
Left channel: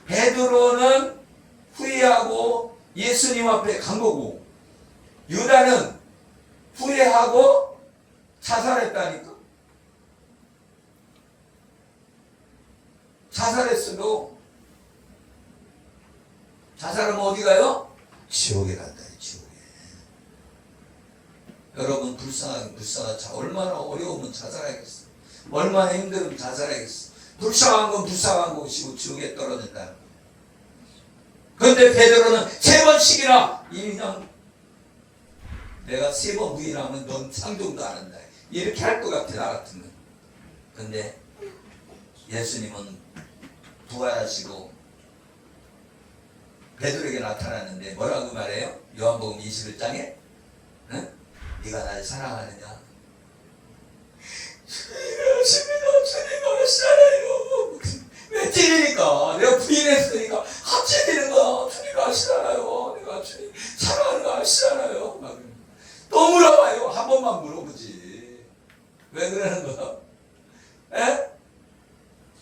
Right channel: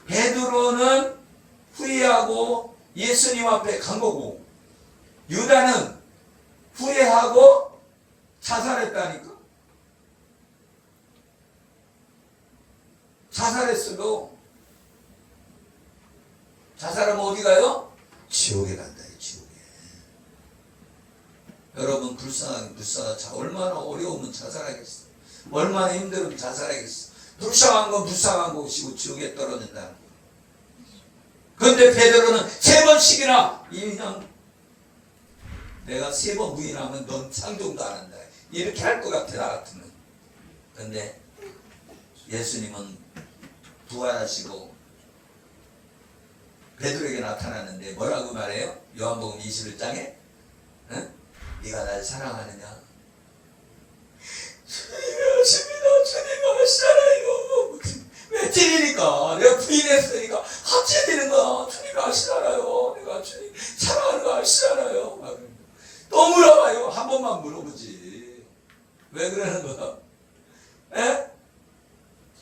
베드로는 후회하고 예수님 앞에 간 거고 유다는 후회하고 자살했다니까. 자살했어도 자살하면 어디 가요? 지옥에 간다. 지옥에. 여러분 불쌍하게 얼마나 어려우면 자살하겠어. 얼마나 힘들으면 자살하겠어. 불쌍한 건 불쌍한 것이고 지옥에 떨어진다는 거. 그런데 베드로는 3번씩이나 그냥 내가 3번 부인하면 넌 상종도 안 한다. 이렇게 할 것 같아 나 같으면. 그런데 예수님은 부활하시고 베드로에게 나타나는데 뭐라고 말해요? 요한복음 21장에 응? 네가 날 사랑하느냐? 주님이 하십니다. 주님 하시잖아요. 왜 찔리니까? 내가 부인했으니까 합쳐지는 거 주님 아시잖아요. 내가 주님 사랑하는 거 아시잖아요. 또 물어봐요. 한 번만 물어보지. 왜 그러는 거야? 에?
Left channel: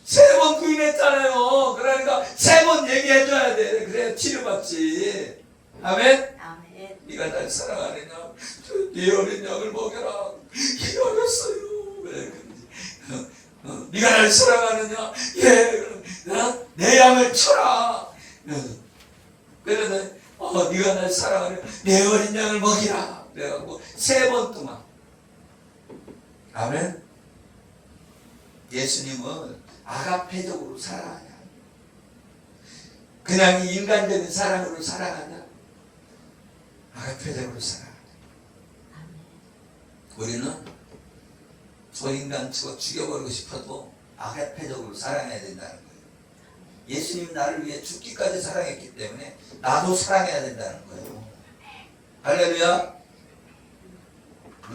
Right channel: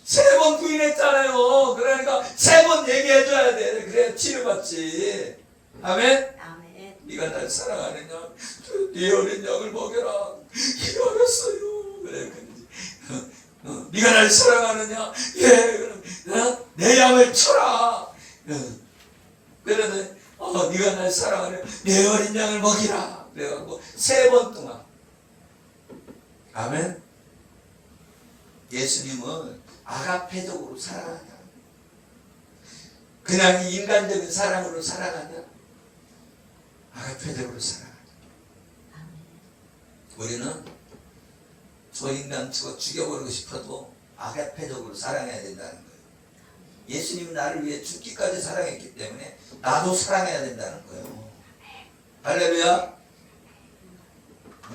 3번 부인했잖아요. 그러니까 3번 얘기해줘야 돼. 그래야 치료받지. 아멘? 아멘. 네가 날 사랑하느냐? 네 어린 양을 먹여라. 기다렸어요. 그래. 네가 날 사랑하느냐? 예. 내 양을 쳐라. 그러네. 네가 날 사랑하느냐? 내 어린 양을 먹이라. 그래갖고 3번 동안. 아멘. 예수님은 아가페적으로 사랑하냐? 그냥 인간적인 사랑으로 사랑하냐? 아가페적으로 사랑하냐? 우리는 저 인간 죽여버리고 싶어도 아가페적으로 사랑해야 된다는 거예요. 예수님은 나를 위해 죽기까지 사랑했기 때문에 나도 사랑해야 된다는 거예요. 할렐루야.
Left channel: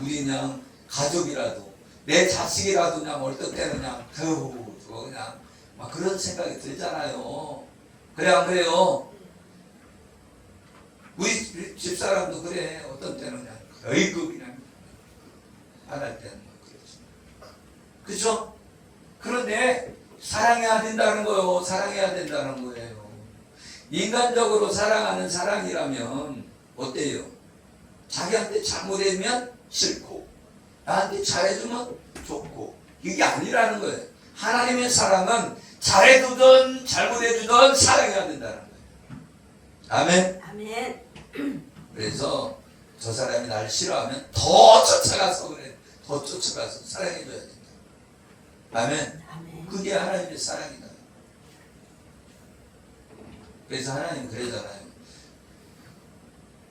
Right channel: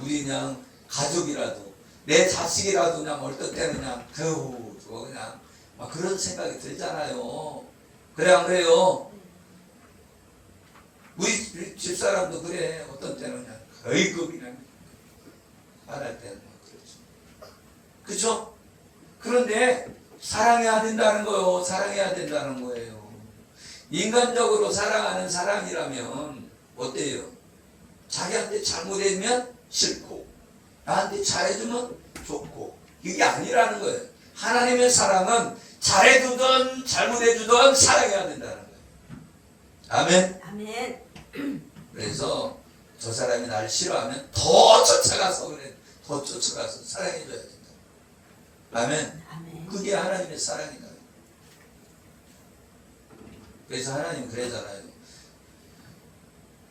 우리 그냥 가족이라도 내 자식이라도 그냥 어떨 때는 그냥 저거 그냥 막 그런 생각이 들잖아요. 그래 안 그래요? 우리 집사람도 그래. 어떤 때는 그냥 어이구 그냥 화날 때는 막 그렇죠. 그렇죠? 그런데 사랑해야 된다는 거예요. 사랑해야 된다는 거예요. 인간적으로 사랑하는 사랑이라면 어때요? 자기한테 잘못하면 싫고 나한테 잘해주면 좋고 이게 아니라는 거예요. 하나님의 사랑은 잘해주든 잘못해주든 사랑해야 된다는 거예요. 아멘. 아멘. 그래서 저 사람이 날 싫어하면 더 쫓아가서 그래. 더 쫓아가서 사랑해줘야 된다. 아멘. 아멘. 그게 하나님의 사랑이다. 그래서 하나님 그러잖아요.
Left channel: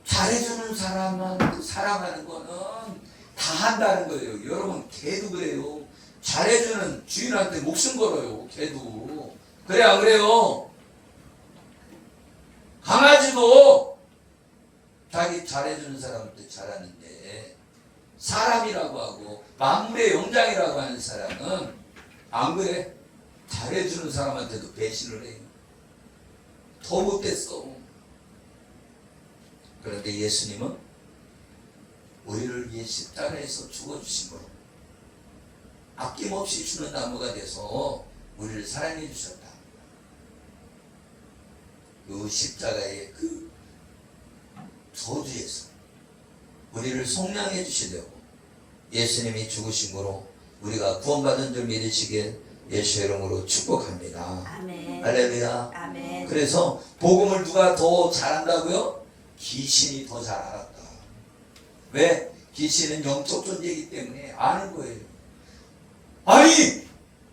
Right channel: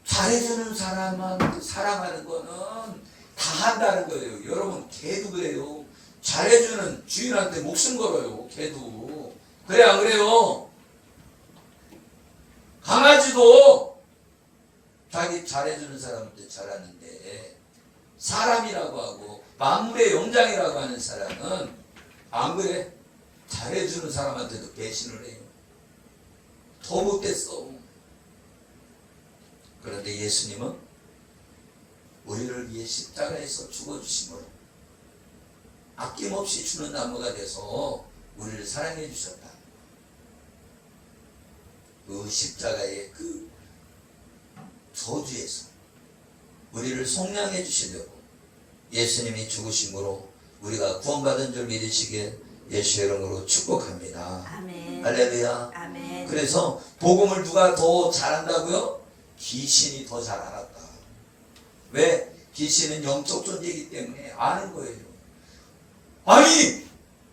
잘해주는 사람한테 사랑하는 거는 다 한다는 거예요. 여러분 개도 그래요. 잘해주는 주인한테 목숨 걸어요. 개도. 그래 안 그래요? 강아지도 자기 잘해주는 사람한테 잘하는데 사람이라고 하고 만물의 영장이라고 하는 사람은 안 그래? 잘해주는 사람한테도 배신을 해요. 더 못됐어. 그런데 예수님은 우리를 위해 십자가에서 죽어주심으로 아낌없이 주는 나무가 돼서 우리를 사랑해 주셨다. 그 십자가의 그 저주에서 우리를 속량해 주시려고 예수님이 죽으심으로 우리가 구원받은 줄 믿으시기에 예수 이름으로 축복합니다. 아멘. 할렐루야. 아멘. 그래서 복음을 누가 더 잘한다고요? 귀신이 더 잘 알았다. 왜? 귀신은 영적 존재이기 때문에 아는 거예요. 아니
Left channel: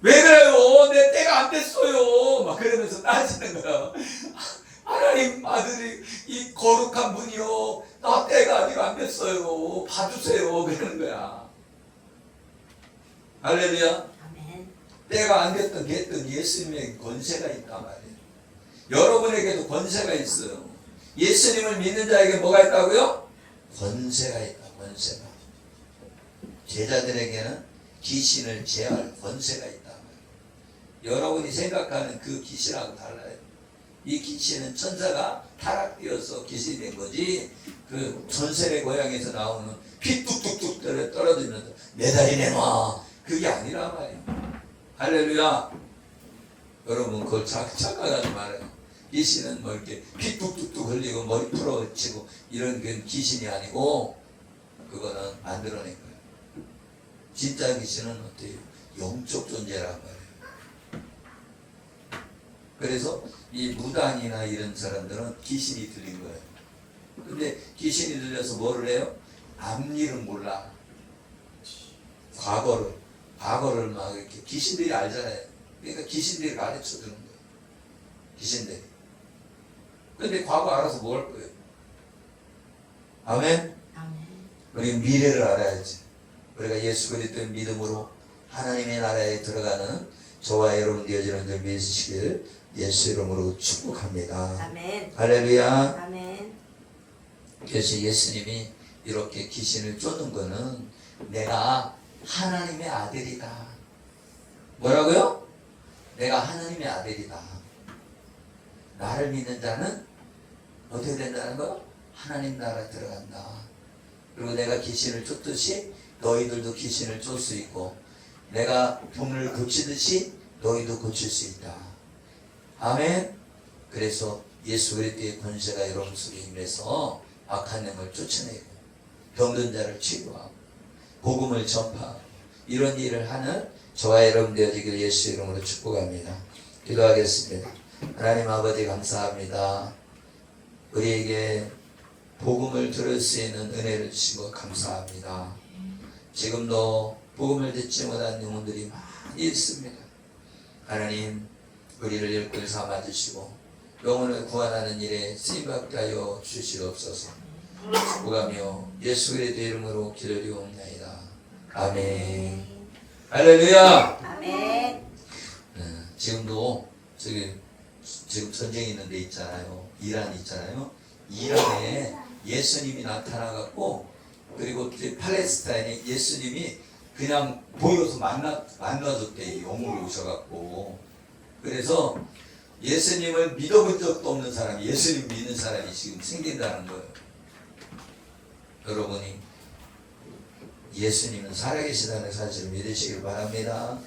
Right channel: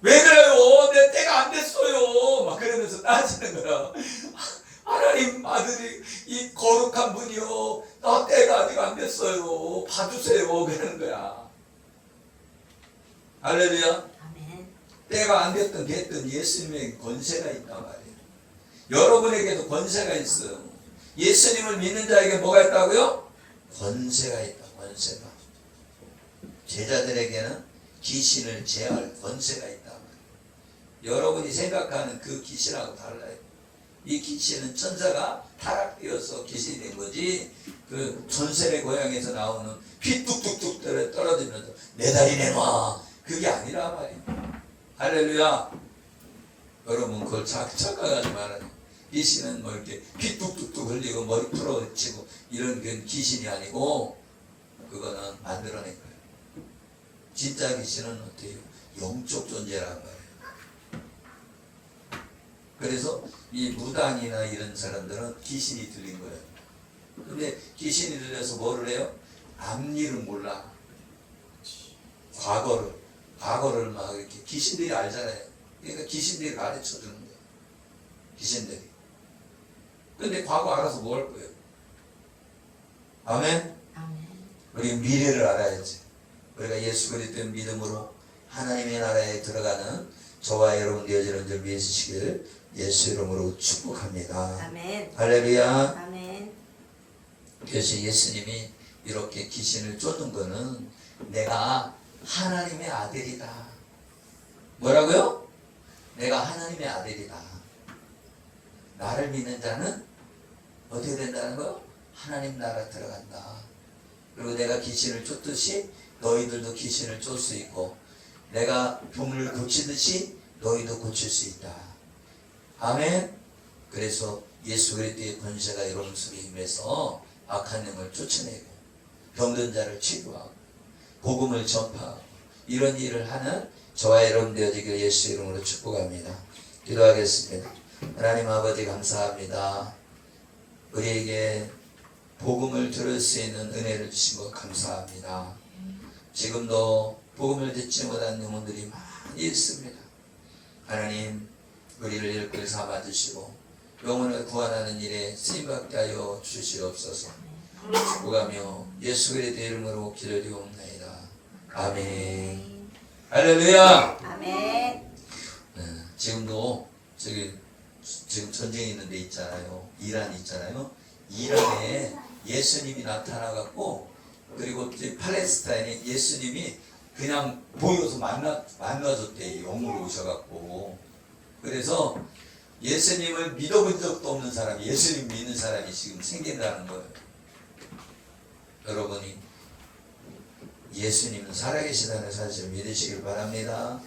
왜 그래요? 내 때가 안 됐어요. 막 그러면서 따지는 거야. 하나님 아들이 이 거룩한 분이요. 나 때가 아직 안 됐어요. 봐주세요. 그러는 거야. 할렐루야. 아멘. 때가 안 됐든 됐든 예수님의 권세가 있단 말이에요. 여러분에게도 권세가 있어요. 예수님을 믿는 자에게 뭐가 있다고요? 권세가 있다. 권세가. 제자들에게는 귀신을 제할 권세가 있단 말이에요. 여러분이 생각하는 그 귀신하고 달라요. 이 귀신은 천사가 타락되어서 귀신이 된 거지. 그 전설의 고향에서 나오는 피 뚝뚝뚝 떨어지면서 내 다리 내놔. 그게 아니라 말이에요. 할렐루야. 여러분 그걸 착각하지 말아요. 귀신은 뭐 이렇게 피 뚝뚝뚝 흘리고 머리 풀어치고 이런 건 귀신이 아니고 그거는 만들어낸 거예요. 진짜 귀신은 어때요? 영적 존재란 말이에요. 그래서 이 무당이나 이런 사람들은 귀신이 들린 거예요. 근데 귀신이 들려서 뭐를 해요? 앞일을 몰라. 과거를 막 이렇게 귀신들이 알잖아요. 그러니까 귀신들이 가르쳐 주는 거예요. 귀신들이. 근데 과거 알아서 뭐 할 거예요? 아멘? 아멘. 우리 미래를 알아야지. 우리가 예수 그리스도의 믿음으로 하나님의 나라에 들어가는 저와 여러분 되어지는 줄 믿으시기를 예수 이름으로 축복합니다. 아멘. 할렐루야. 아멘. 그래서 예수님이 이렇게 귀신을 쫓는 거는 내가 하나님의 아들이다. 뭐라고요? 내가 하나님의 아들이다. 나를 믿는 자는 어떻게 된다는 거? 하나님 나라 들어간다. 그리고 내가 귀신을 쫓듯이 너희들도 귀신을 쫓을 수 있고, 내가 병을 고치듯이 너희도 고칠 수 있다. 아멘. 그래서 예수 그리스도의 권세가 여러분 속에 임해서 악한 영을 쫓아내고 병든 자를 치유하고 복음을 전파하고 이런 일을 하는 저와 여러분 되어지기를 예수 이름으로 축복합니다. 기도하겠습니다. 하나님 아버지 감사합니다. 우리에게 복음을 들을 수 있는 은혜를 주신 것 감사합니다. 지금도 복음을 듣지 못한 영혼들이 많이 있습니다. 하나님 우리를 일꾼 삼아주시고 영혼을 구원하는 일에 쓰임받게 하여 주시옵소서. 축복하며 예수 그리스도의 이름으로 기도드리옵나이다. 아멘. 할렐루야. 아멘. 지금도 지금 전쟁이 있는 데 있잖아요. 이란 있잖아요. 이란에 예수님이 나타나갖고, 그리고 팔레스타인에 예수님이 그냥 보여서 만나줬대. 영으로 오셔갖고. 그래서 예수님을 믿어본 적도 없는 사람이 예수님 믿는 사람이 지금 생긴다는 거예요. 여러분이 예수님은 살아계시다는 사실을 믿으시길 바랍니다.